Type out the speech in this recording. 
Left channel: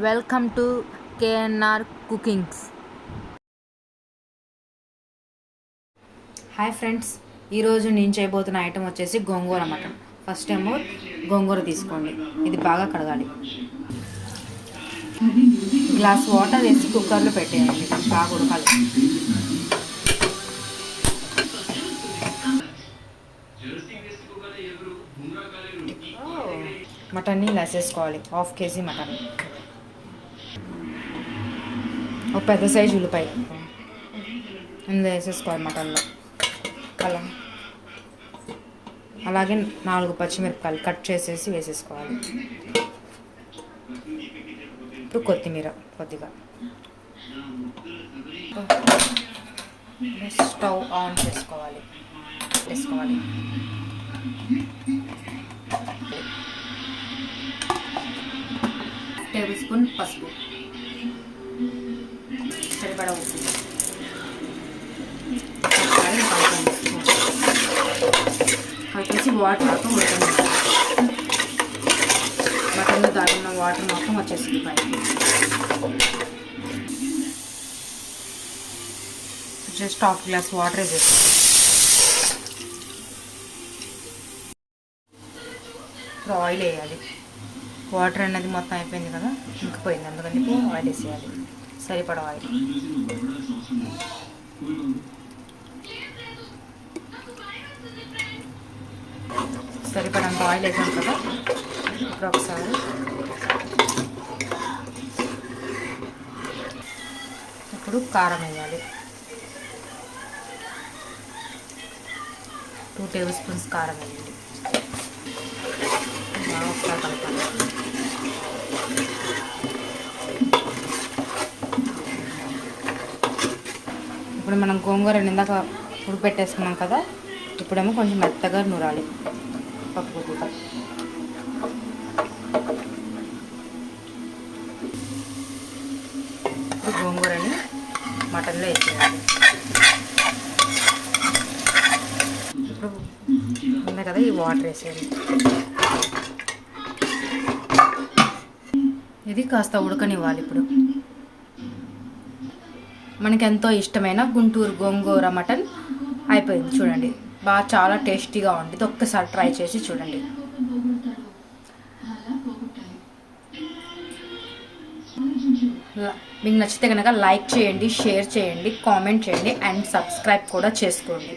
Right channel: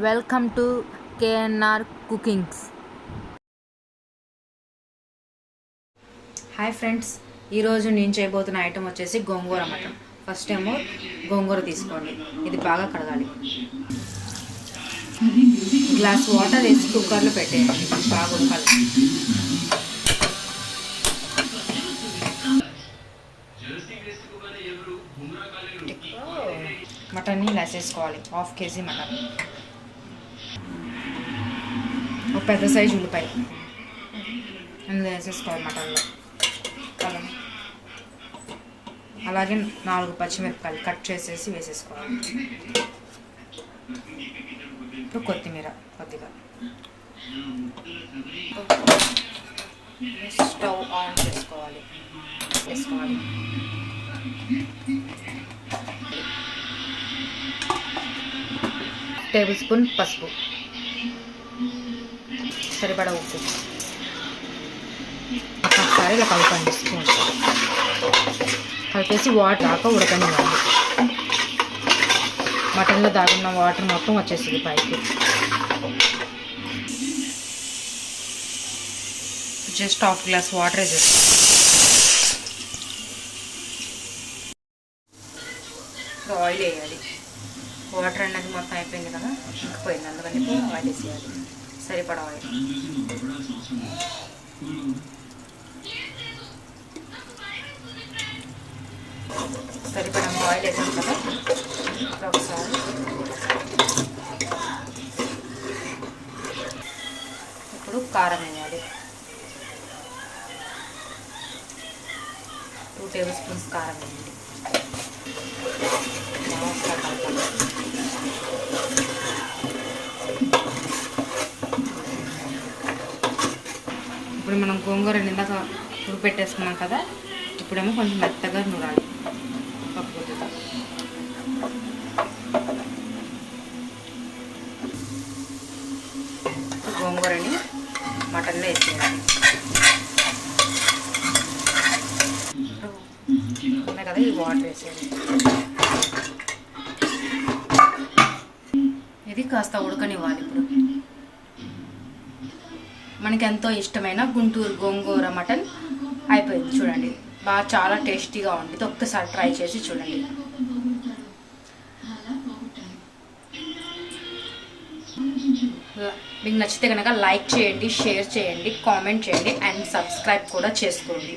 Welcome to KNR cookings. Hi friends, ఈరోజు నేను చేయబోతున్న ఐటెం వచ్చేసి గోంగూర మటన్. ఫస్ట్ ఏమో గోంగూర తీసుకోండి, ఇది బాగా కడగాలి. గ్లాస్ వాటర్ వేసి కుక్కర్లో పెట్టేయండి, బాగా ఉడకాలి. మటన్ని ఇలా వేసేసుకోవాలి. 1/2 kg మటన్, ఒక పెద్ద సైజు ఉల్లిపాయ ఇందులో వేసేసుకోవాలి మటన్లో. అలాగే 4 పచ్చిమిరపకాయలు కట్ చేసేసి వేసేసుకోవాలి. ఇప్పుడు కొత్తిమీర కొద్దిగా. స్టవ్ ఆన్ చేసుకోవాలి. 1 టేబుల్ స్పూన్ పసుపు, సరిపడా ఉప్పు, ఒకసారి కలపండి. కలిపేసి వాటర్ ఆక ఉడకండి. మటన్లో దాగిన వాటర్ మొత్తం వచ్చేసింది పైకి. జస్ట్ 1/2 గ్లాస్ వాటర్ వేసేస్తాం. ఇప్పుడు ఆయిల్ వేయాలి. వాటర్ అనేది మొత్తం అయిపోయింది కదా, ఇంకిపోయింది, అందుకని ఆయిల్ వేసేయాలి. సరిపడా ఆయిల్. సరిపడా ఆయిల్ వేసాం కదా, ఇప్పుడు ఒకసారి ఇప్పుడు కారం వేయాలి. 2 టేబుల్ స్పూన్స్ కారం వేయాలి. ఇప్పుడు మనం గోంగూర నిందాక పెట్టేసుకున్నాం కదా, ఇప్పుడేమో కొంచెం మెత్తగా నూరాలి కొద్దిగా. ఇప్పుడు గోంగూరని మటన్లో వేసేయాలి. ఉన్నాయి కదా, ఈ వాటర్ వేసేయాలి. ఇది కాస్త ఉడకనివ్వాలి. ఇప్పుడు మనకి ఎంతో ఇష్టమైన గుంటూరు గోంగూర మటన్ అయిపోయింది. చూడండి, బాగా చాలా టేస్టీగా ఉంది. ఒక్కసారి ట్రై చేసి చూడండి. మీకు నచ్చితే కనుక లైక్ చేయండి, షేర్ చేయండి, కామెంట్ చేయండి అండ్ సబ్స్క్రైబ్ కూడా చేసుకోండి.